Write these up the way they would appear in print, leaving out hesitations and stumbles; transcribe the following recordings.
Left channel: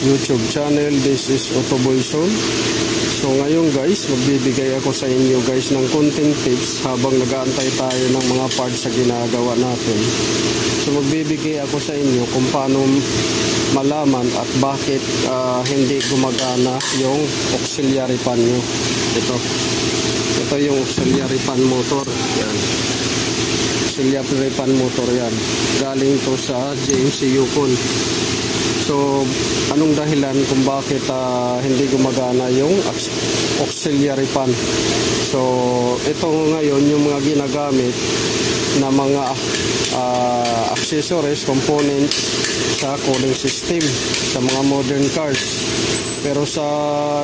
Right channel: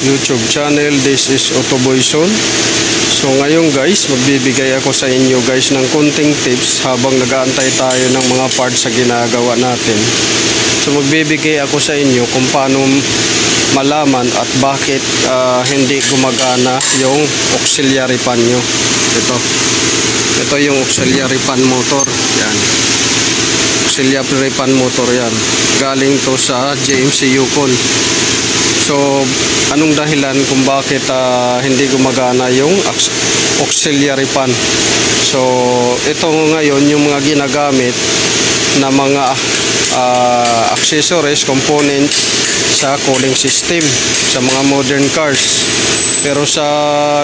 YouTube channel. This is Otoboy Son. So ngayon guys, magbibigay ako sa inyo guys ng konting tips habang nag-aantay tayo ng mga parts sa ginagawa natin. So magbibigay ako sa inyo kung paano malaman at bakit hindi gumagana yung auxiliary fan nyo. Ito yung auxiliary fan motor. Yan. Auxiliary fan motor yan. Galing to sa JMC Yukon. So, anong dahilan kung bakit hindi gumagana yung auxiliary fan? So, ito ngayon yung mga ginagamit na mga accessories, components sa cooling system sa mga modern cars. Pero sa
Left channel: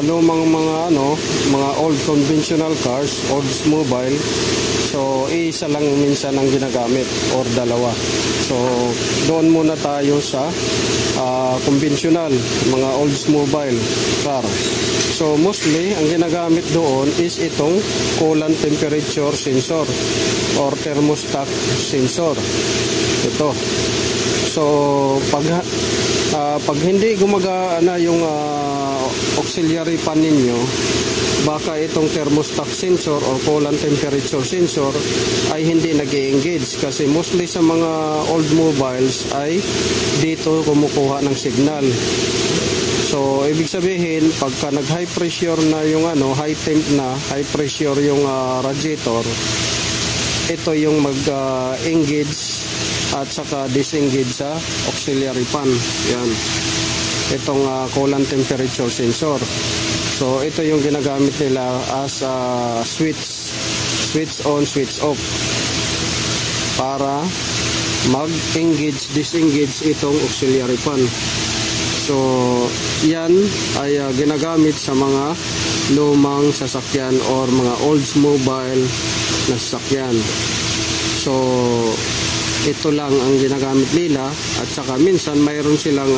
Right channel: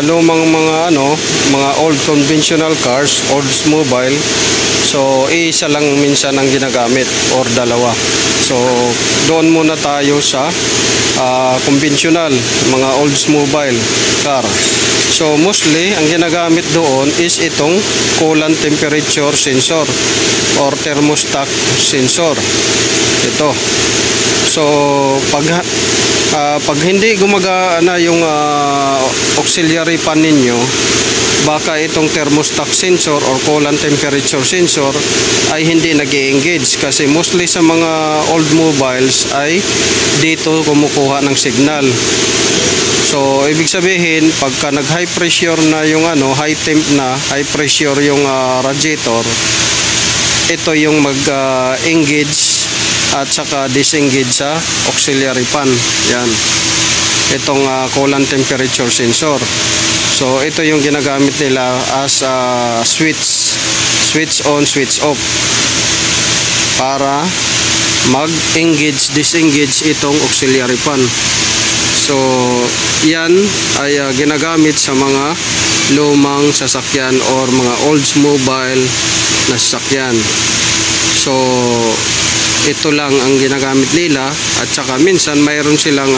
lumang mga old conventional cars, Oldsmobile, so isa lang minsan ang ginagamit or dalawa. So doon muna tayo sa conventional, mga Oldsmobile car. So mostly ang ginagamit doon is itong coolant temperature sensor or thermostat sensor. Ito. So pag hindi gumagana yung auxiliary fan ninyo, baka itong thermostat sensor or coolant temperature sensor ay hindi nag-i-engage, kasi mostly sa mga old mobiles ay dito kumukuha ng signal. So ibig sabihin, pagka nag high pressure na yung high temp na, high pressure yung radiator, ito yung mag-engage at saka disengage sa auxiliary fan. Yan, itong coolant temperature sensor. So ito yung ginagamit nila as switch on, switch off, para mag-engage, disengage itong auxiliary fan. So yan ay ginagamit sa mga lumang sasakyan or mga Oldsmobile na sasakyan. So ito lang ang ginagamit nila, at saka minsan mayroon silang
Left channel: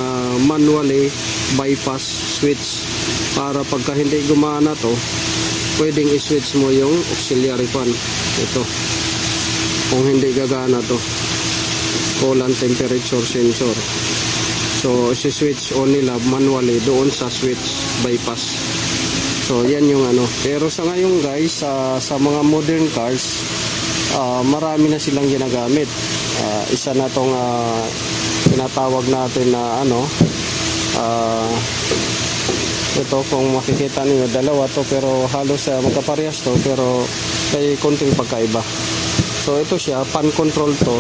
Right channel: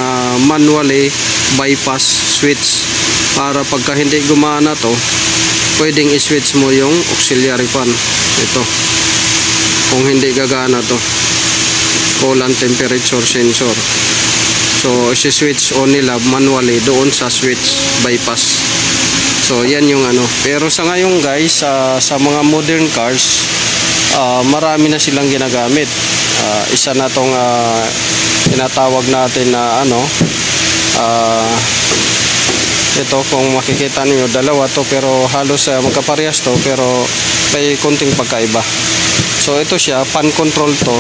manually bypass switch para pagka hindi gumana to, pwedeng i-switch mo yung auxiliary fan. Ito, kung hindi gagana to, coolant temperature sensor, so i-switch on nila manually doon sa switch bypass. So yan yung pero sa ngayon guys, sa mga modern cars, marami na silang ginagamit. Isa na tong tinatawag natin na ito, kung makikita niyo, dalawa to, pero halos magkaparehas to, pero may konting pagkaiba. So ito siya, fan control to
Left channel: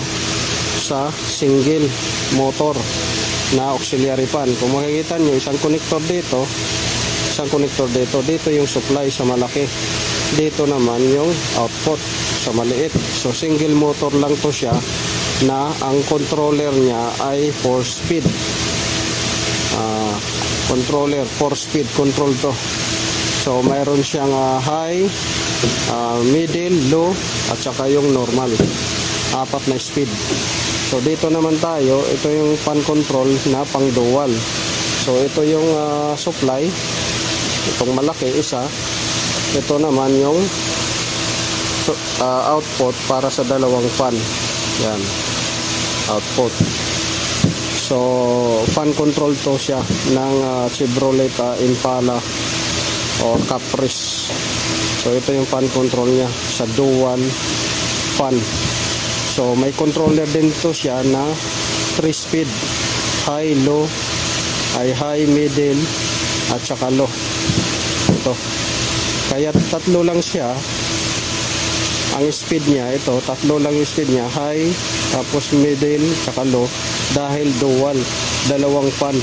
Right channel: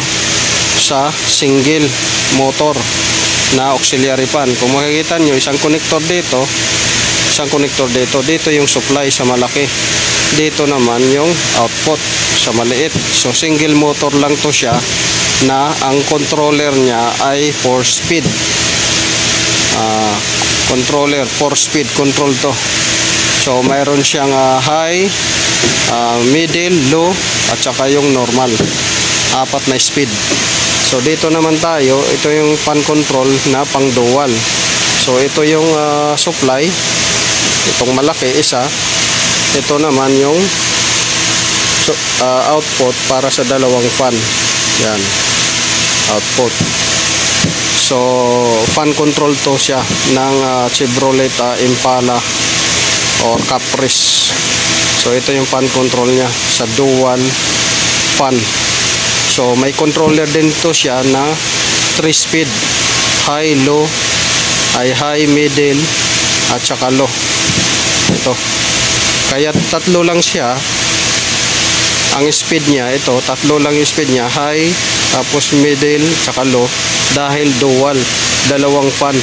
sa single motor na auxiliary fan. Kung makikita niyo, isang connector dito, dito yung supply sa malaki, dito naman yung output sa maliit. So single motor lang to siya, na ang controller niya ay 4 speed controller, 4 speed control to. So mayroon siyang high, middle, low, at saka yung normal, 4 na speed. So dito naman tayo, ito yung fan control na pang dual. So ito yung supply, itong malaki isa, ito naman yung output para sa dalawang fan. Yan, output. So fan control to siya ng Chevrolet Impala or Caprice. So ito yung fan control niya sa dual fan. So may controller din to siya na 3 speed, high, low, ay high, middle, at saka low. Ito, kaya tatlo lang siya ang speed niya. Ito, tatlo lang yung speed niya, high, tapos middle, saka low, dahil dual, dalawang fan.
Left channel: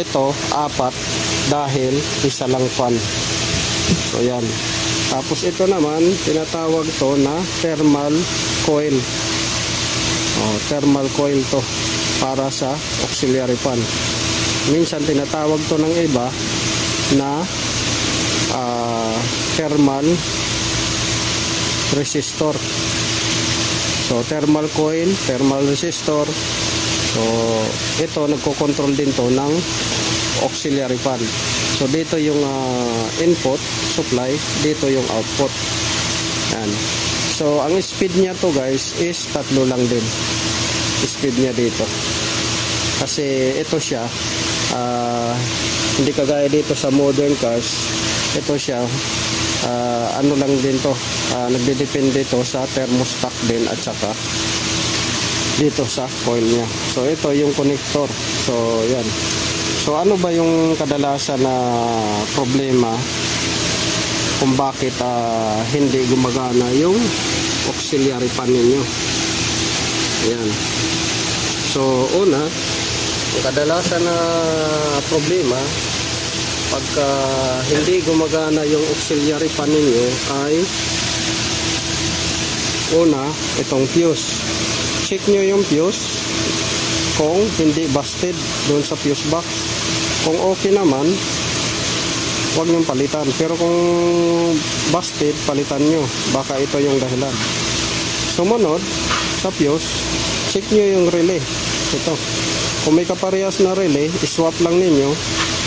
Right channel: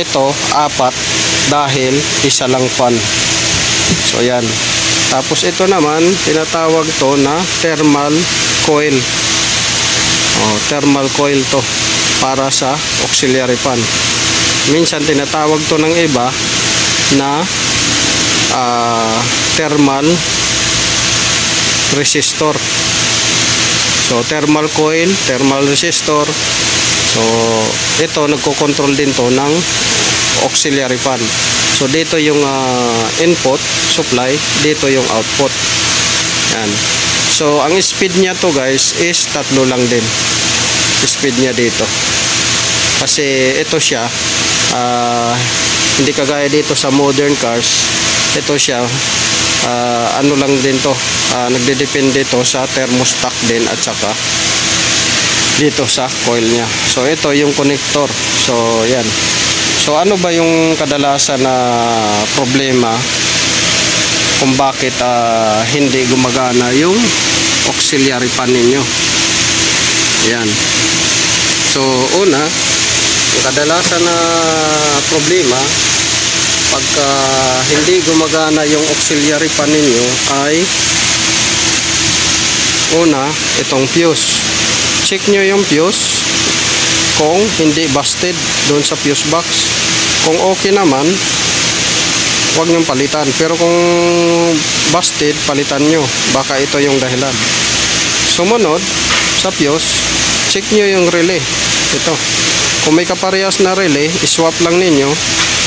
Ito, 4 dahil isa lang fan. So yan. Tapos ito naman, tinatawag to na thermal coil. Thermal coil to para sa auxiliary fan. Minsan tinatawag to ng iba na thermal resistor. So thermal coil, thermal resistor. So ito, nagko-control din to ng auxiliary fan. So dito yung input supply, dito yung output. Yan. So ang speed niya to guys is 3 lang din. Speed niya dito. Kasi ito siya, Hindi kagaya dito sa modern cars. Ito siya, ano lang din to, nagdedepende to sa thermostat din at saka dito sa coil niya. So ito yung connector. So yan. So ano ba yung kadalasan na problema kung bakit hindi gumagana yung auxiliary fan ninyo? Yan. So una, yung kadalasan na problema pagka hindi gumagana yung auxiliary fan ninyo ay una, itong fuse. Check nyo yung fuse kung hindi busted doon sa fuse box. Kung okay naman, huwag nyong palitan. Pero kung busted, palitan nyo. Baka ito yung dahilan. Sumunod sa fuse, check nyo yung relay. Ito. Kung may kaparehas na relay, iswap lang ninyo.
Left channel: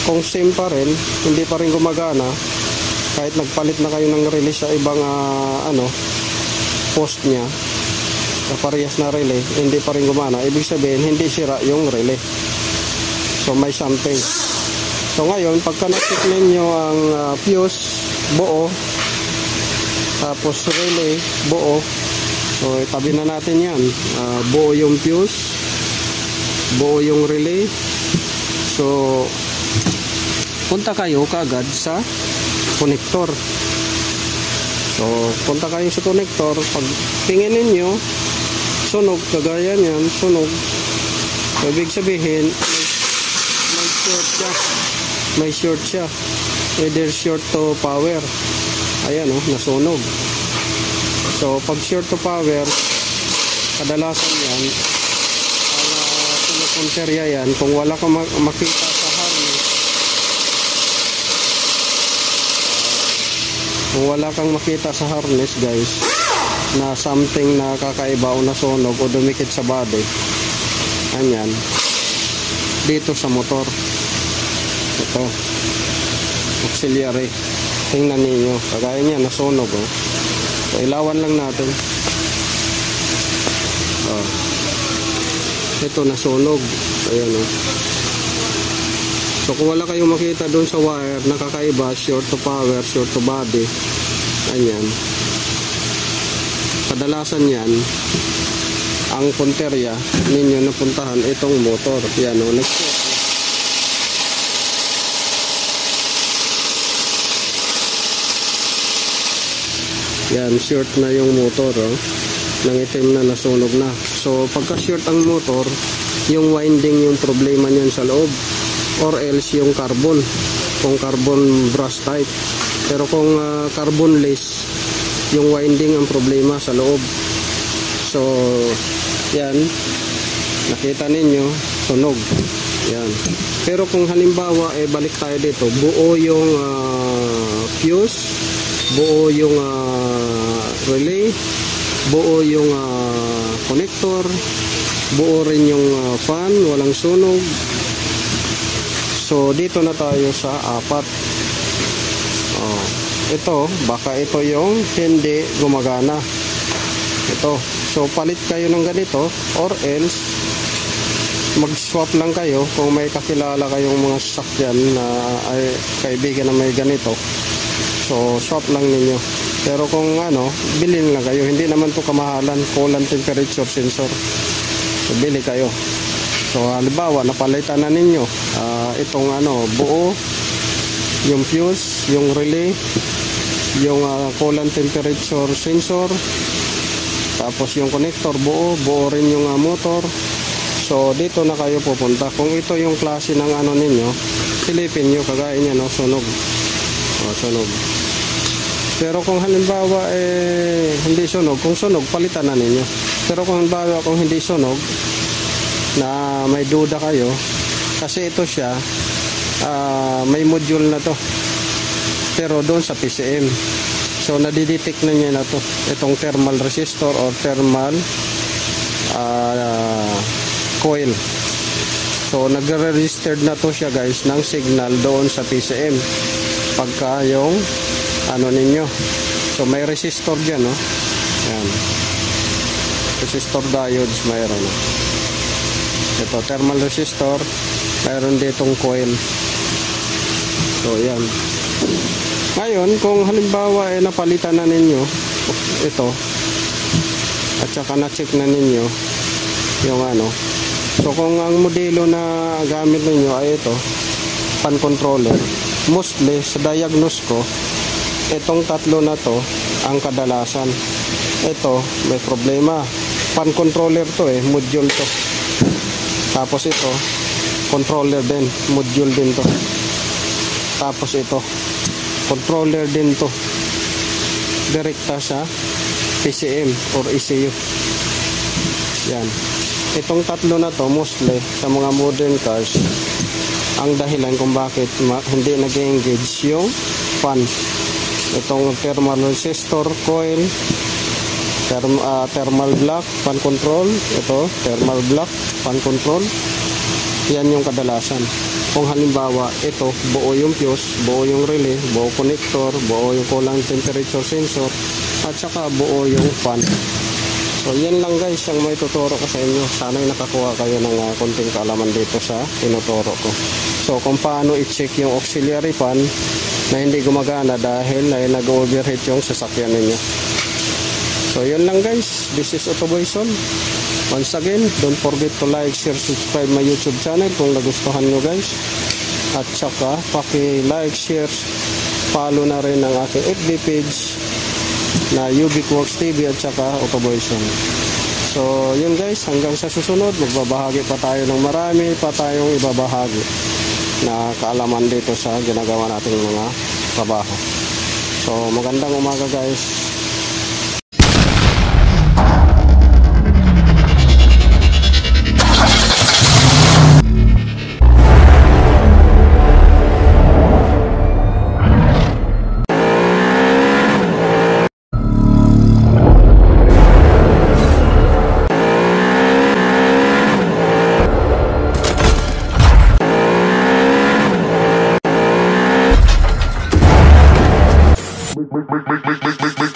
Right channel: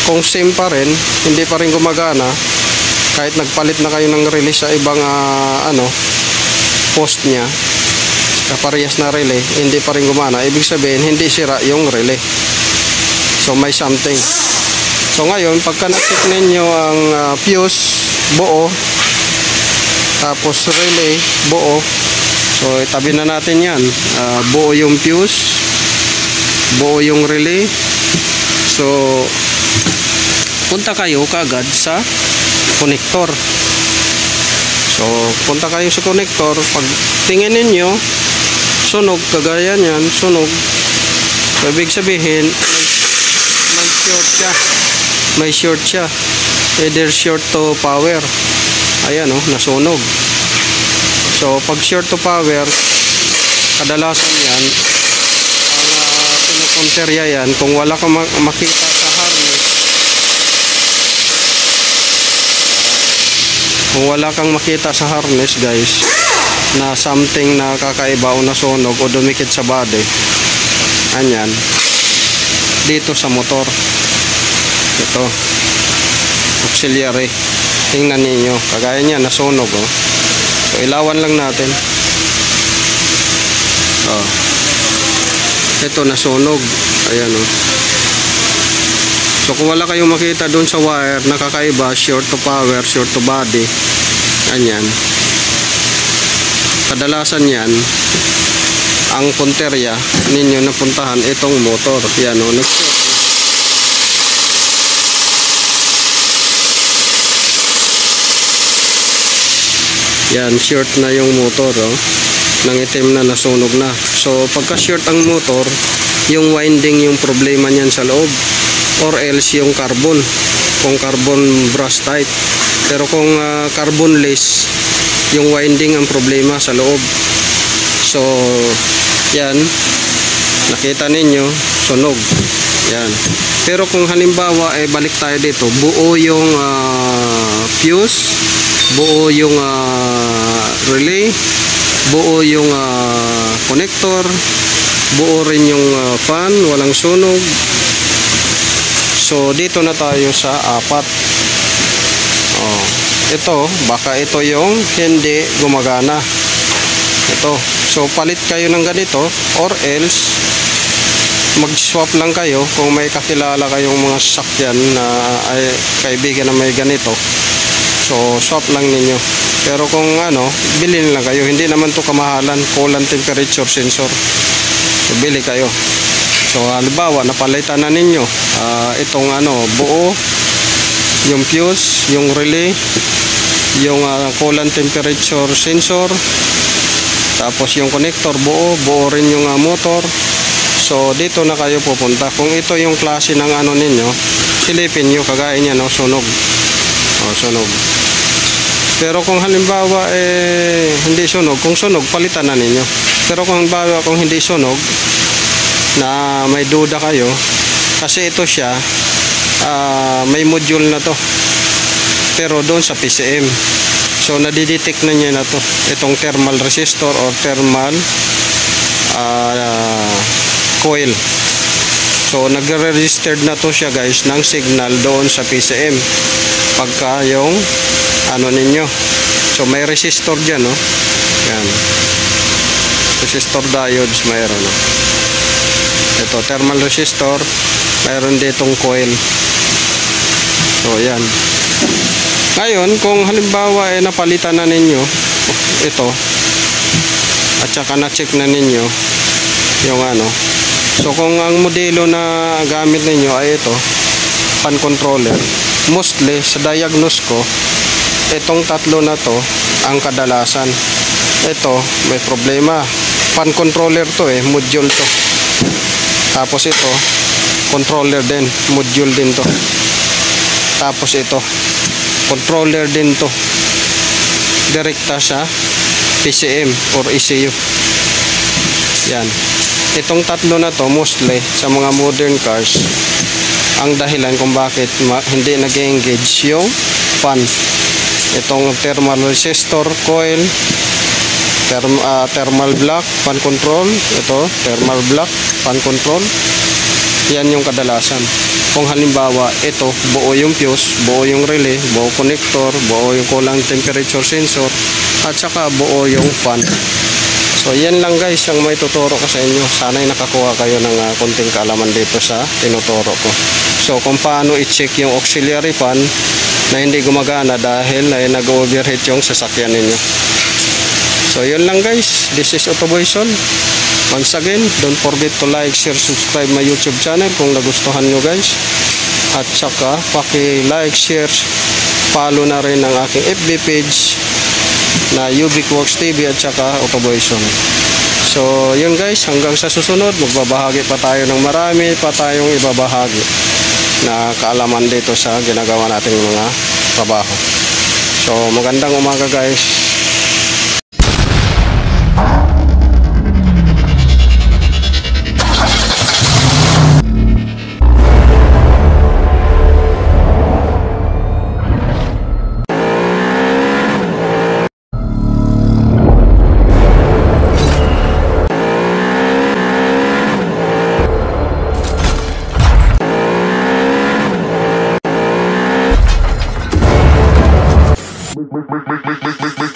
Kung same pa rin, hindi pa rin gumagana, kahit nagpalit na kayo ng relay sa ibang post nya, kaparehas na relay, hindi pa rin gumana, ibig sabihin hindi sira yung relay. So may something. So ngayon, pagka na-check ninyo ang fuse buo, tapos relay buo, so itabi na natin yan. Buo yung fuse, buo yung relay. So punta kayo kagad sa connector. So punta kayo sa connector. Pag tingin ninyo sunog, kagaya niyan, sunog, so ibig sabihin may short siya. May short siya. Either short to power. Ayan nasunog. So pag short to power, kadalasan yan ang pinakonterya yan kung wala kang makita sa harness. Kung wala kang makita sa harness, guys, na something na kakaiba o nasunog o dumikit sa body, anyan, dito sa motor, ito auxiliary, tingnan ninyo, kagaya niya nasunog. So ilawan lang natin. Ito nasunog, ayan. So kung wala kayong makita doon sa wire na kakaiba, short to power, short to body, anyan, kadalasan yan ang punterya ninyo na puntahan itong motor. Yan nag-check. Yan, short na yung motor nang itim na, nasunog na. So pagka short ang motor, yung winding yung problema niyan sa loob, or else yung carbon, kung carbon brush type. Pero kung carbonless, yung winding ang problema sa loob. So yan, nakita ninyo sunog. Yan. Pero kung halimbawa balik tayo dito, buo yung fuse, buo yung relay, buo yung connector, buo rin yung fan, walang sunog. So dito na tayo sa 4. Ito, baka ito yung hindi gumagana. Ito. So palit kayo ng ganito, or else mag-swap lang kayo kung may kakilala kayong mga sasakyan na kaibigan na may ganito. So swap lang ninyo. Pero kung bilhin lang kayo, hindi naman to kamahalan, coolant temperature sensor. So bili kayo. So halimbawa napalitan na ninyo itong buo yung fuse, yung relay, yung coolant temperature sensor, tapos yung connector buo rin yung motor. So dito na kayo pupunta. Kung ito yung klase ng ninyo, silipin nyo, kagaya niya sunog. Sunog. Pero kung halimbawa hindi sunog, kung sunog palitan na ninyo. Pero kung halimbawa kung hindi sunog, na may duda kayo, kasi ito siya may module na to, pero doon sa PCM. So nadidetect na niya na to, itong thermal resistor or thermal coil. So nagre-registered na to siya, guys, ng signal doon sa PCM pagka yung ninyo. So may resistor dyan, yan, resistor diodes mayroon. Ito thermal resistor, mayroon ditong coil. So yan. Ngayon kung halimbawa ay napalitan na ninyo ito at saka na-check na ninyo yung ano, so kung ang modelo na gamit ninyo ay ito, fan controller, mostly sa diagnose ko itong tatlo na to ang kadalasan. Ito may problema, fan controller to module to, tapos ito controller din, module din to, tapos ito controller din to, direkta sa PCM or ECU. Yan, itong tatlo na to mostly sa mga modern cars ang dahilan kung bakit hindi nag-engage yung fan. Itong thermal resistor coil, thermal block fan control, ito thermal block fan control, yan yung kadalasan. Kung halimbawa ito buo yung fuse, buo yung relay, buo connector, buo yung coolant temperature sensor, at saka buo yung fan. So yan lang guys ang may tuturo ko sa inyo. Sana'y nakakuha kayo ng konting kaalaman dito sa tinuturo ko. So kung paano i-check yung auxiliary fan na hindi gumagana dahil ay nag-overheat yung sasakyan ninyo. So yun lang guys, this is Autoboyson. Once again, don't forget to like, share, subscribe my YouTube channel kung nagustuhan nyo guys. At saka paki-like, share, follow na rin ang aking FB page na Ubiquworks TV at saka Autoboyson. So yun guys, hanggang sa susunod magbabahagi pa tayo ng marami pa tayong ibabahagi na kaalaman dito sa ginagawa nating mga trabaho. So magandang umaga guys. Make